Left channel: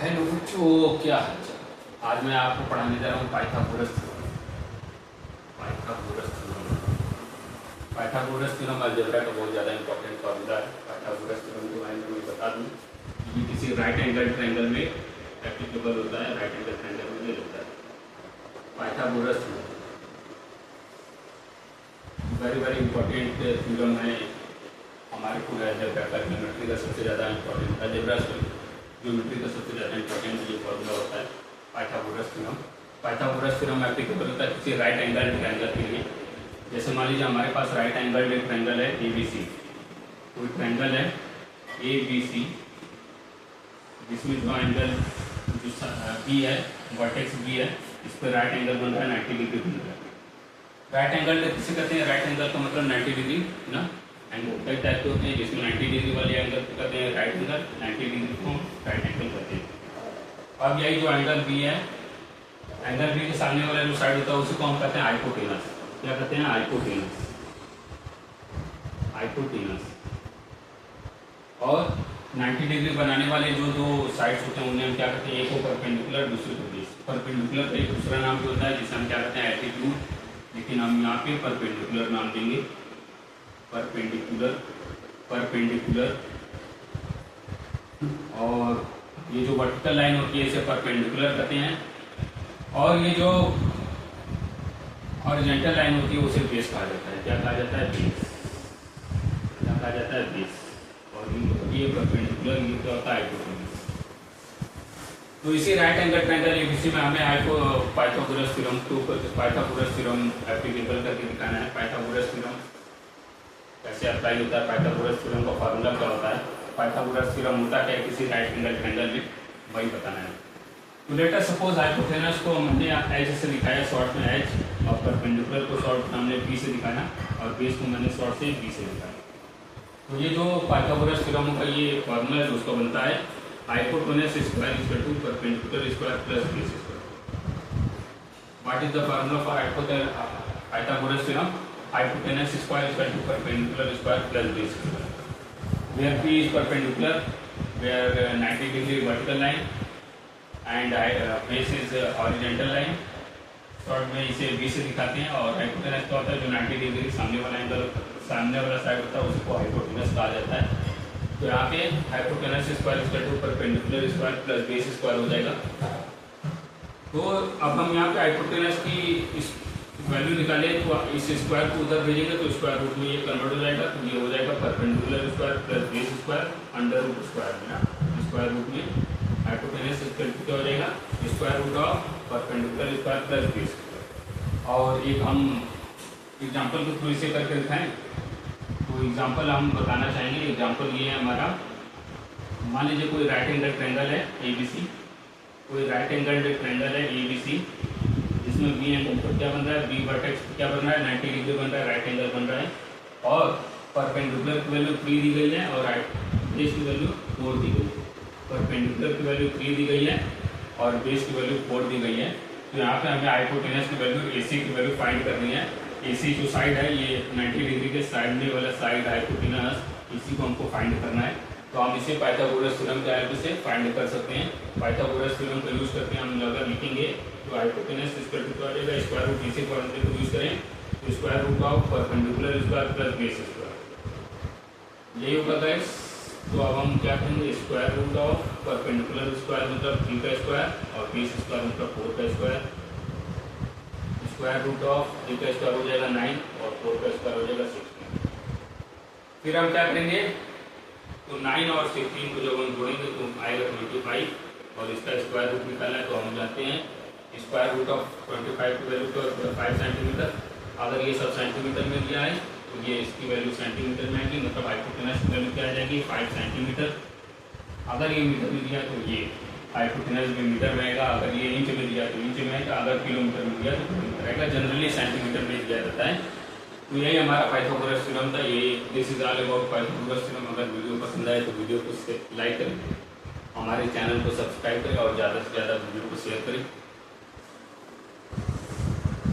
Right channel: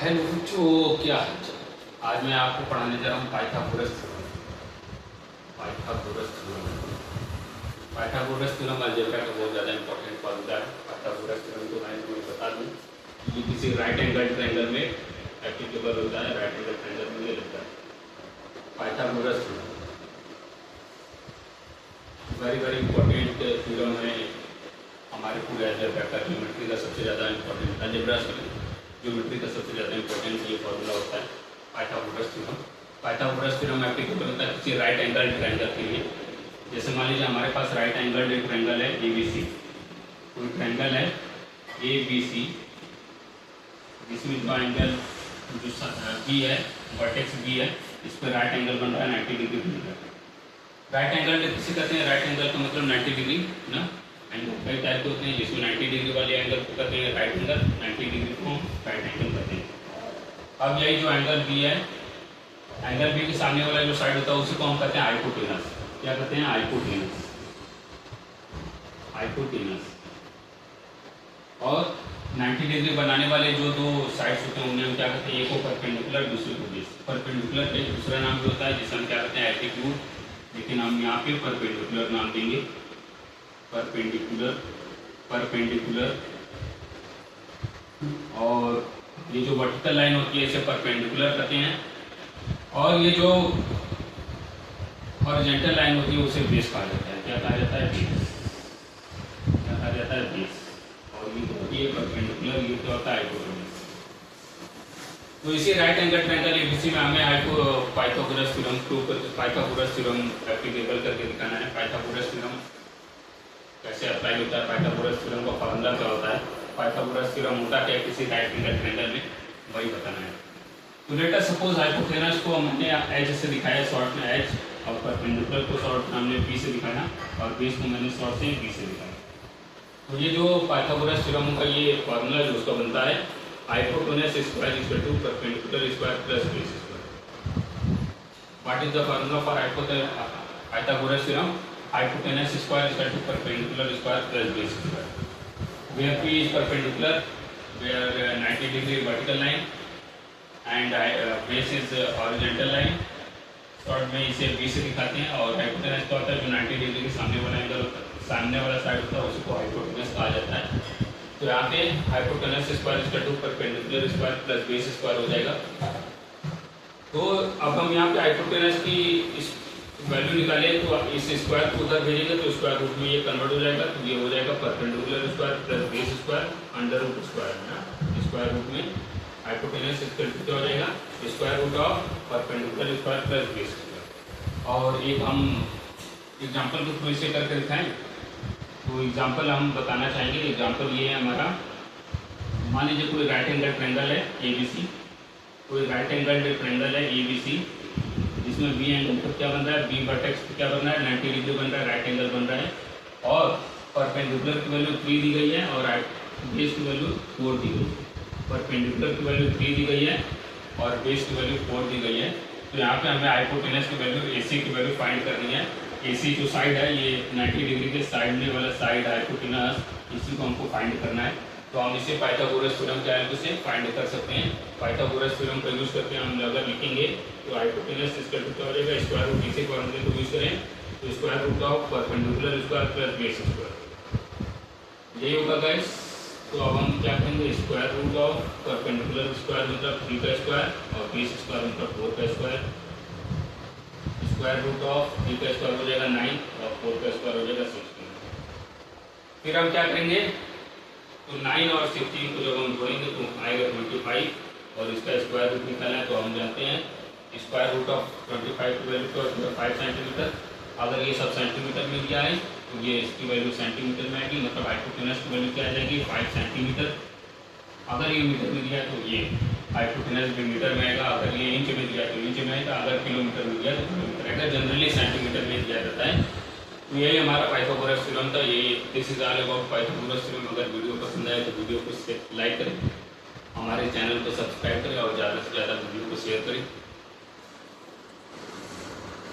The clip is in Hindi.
हेलो बच्चों, क्या हाल चाल। आज मैं आपको पढ़ाने जा रहा हूँ Pythagoras theorem. Pythagoras theorem algebra का बहुत ज़्यादा इंपॉर्टेंट फॉर्मूला है। पाइथागोरस थ्योरम के बारे में मैं बता दूँ, ये किसी राइट एंगल ट्रायंगल में एप्लीकेबल होता है। राइट एंगल ट्रायंगल में ये लगता है Pythagoras theorem. Very very important theorem है हमारे पूरे अलजेब्रा का। ज्योमेट्री का सबसे ज़्यादा इंपॉर्टेंट अलजेब्रा ज्योमेट्री का सबसे ज़्यादा इंपॉर्टेंट ये फॉर्मूला होता है Pythagoras theorem. Pythagoras theorem applicable होता है किसी राइट एंगल ट्रायंगल के लिए। जैसे मान लीजिए हमारे पास राइट एंगल ट्रायंगल है ABC। कोई ट्रायंगल है ABC जिसमें जो एंगल जो B है, वर्टेक्स B है, इस पर राइट एंगल बन रहा है 90 डिग्री बन रहा है। राइट एंगल किसे कहते हैं? राइट एंगल का मतलब 90 डिग्री ना। एंगल कई टाइप के होते हैं, जिसमें 90 डिग्री वाले एंगल को कहते हैं राइट एंगल, 90 डिग्री को राइट एंगल कहते हैं। अब यही जो एंगल B है, एंगल B के सामने वाला जो साइड होता है उसी को हम कहते हैं हाइपोटेनस। क्या कहते हैं? हाइपोटेनस। और 90 डिग्री बनाने वाले जो दो साइड्स होते हैं उन्हें हम क्या कहते हैं? एक को परपेंडिकुलर, दूसरे को बेस। परपेंडिकुलर एक दूसरा नाम भी होता है जिसे हम क्या कहते हैं? एल्टीट्यूड, लेकिन हम यहाँ पे परपेंडिकुलर नाम देंगे। परपेंडिकुलर। और ये जो वर्टिकल लाइन होती है इसे परपेंडिकुलर कहते हैं, और ये जो हॉरिजॉन्टल लाइन होती है उसे बेस कहा जाता है। क्या कहा जाता है? बेस। क्या कहा जाता है? बेस। और ये होती है परपेंडिकुलर, ये क्या होता है? हाइपोटेनस। तो इसी राइट एंगल ट्रायंगल ABC में हमें पाइथागोरस थ्योरम एप्लीकेबल करके दिखाना है। पाइथागोरस थ्योरम कैसे अप्लाई होता है? पाइथागोरस थ्योरम का फार्मूला क्या होता है? पाइथागोरस थ्योरम होता है किसी राइट एंगल ट्रायंगल में, वही बताना है। तो लेट अस सपोज हाइपोटेनस को हमने H से दिखाया, शॉर्ट में H, और परपेंडिकुलर को शॉर्ट हमने B से दिखाया, और बेस को मैंने शॉर्ट से B से दिखाया। तो ये जो पाइथागोरस थ्योरम का ये फार्मूला जो उसका बनता है, hypotenuse square equal to perpendicular square plus base square. What is the formula for Pythagoras theorem? Hypotenuse square is equal to perpendicular square plus base square. Where P is perpendicular, where 90 degree vertical line and base is horizontal line. Short में इसे B से दिखाते हैं। और हाइपोटेनस क्या होता है? जो 90 डिग्री के सामने वाला एंगल, सामने वाला साइड होता है उसको हाइपोटेनस कहा जाता है। तो यहाँ पे hypotenuse square equal to perpendicular square plus base square हो जाएगा। तो अब हम यहाँ पे हाइपोटेनस की वैल्यू निकाले तो इस स्क्वायर को उधर भेजेंगे तो स्क्वायर रूट में ये कन्वर्ट हो जाएगा। तो ये हो जाएगा perpendicular square plus base square under root square में ना। स्क्वायर रूट में हाइपोटेनस क्या हो जाएगा? Square root of perpendicular square plus base square. और एक हम एग्जांपल के थ्रू इसे करके दिखाएं। तो एग्जांपल हम बताना चाहेंगे। एग्जांपल ये है हमारा, मान लीजिए कोई राइट एंगल ट्रायंगल है ABC। कोई राइट एंगल ट्रायंगल है ABC जिसमें B एंगल पर क्या बन रहा है? B वर्टेक्स क्या बन रहा है? 90 डिग्री बन रहा है, राइट एंगल बन रहा है। और परपेंडिकुलर की वैल्यू 3 दी गई है और बेस की वैल्यू 4 दी गई है। परपेंडिकुलर की वैल्यू 3 दी गई है और बेस की वैल्यू 4 दी गई है। तो यहाँ पे हमें हाइपोटेनस की वैल्यू AC की वैल्यू फाइंड करनी है। AC जो साइड है, ये 90 डिग्री के साइड में वाला साइड हाइपोटेनस, इसी को हमको फाइंड करना है। तो हम इसे पाइथागोरस थ्योरम के हेल्प से फाइंड कर सकते हैं। पाइथागोरस थ्योरम का यूज करके हम अगर लिखेंगे तो हाइपोटेनस इक्वल टू आ जाएगा स्क्वायर रूट इसी फॉर्मूले को यूज करें तो square root of perpendicular square plus base square, यही होगा गाइस। तो अब हम क्या करेंगे? Square root of perpendicular square मतलब 3 का स्क्वायर और बेस स्क्वायर मतलब 4 का स्क्वायर। स्क्वायर रूट ऑफ 3 का स्क्वायर हो जाएगा 9 और 4 का स्क्वायर हो जाएगा 16। फिर हम क्या करेंगे? तो 9 और 16 को जब हम जोड़ेंगे तो आएगा 25, और इसका स्क्वायर रूट निकालना है। तो हम जानते हैं स्क्वायर रूट ऑफ 25 की वैल्यू तो 5 सेंटीमीटर। अगर ये सब सेंटीमीटर में दिया है तो ये इसकी वैल्यू सेंटीमीटर में आएगी, मतलब हाइपोटेनस की वैल्यू क्या आ जाएगी? 5 सेंटीमीटर। अगर ये मीटर में दिया तो ये हाइपोटेनस भी मीटर में आएगा। अगर ये इंच में दिया तो इंच में आएगा। अगर किलोमीटर में दिया तो किलोमीटर आएगा। जनरली सेंटीमीटर में दिया जाता है। तो यही हमारा पाइथागोरस थ्योरम था। ये this is all about Pythagoras theorem. अगर वीडियो पसंद आए तो वीडियो को लाइक करें, हमारे चैनल को सब्सक्राइब करें और ज़्यादा से ज़्यादा वीडियो को शेयर करें।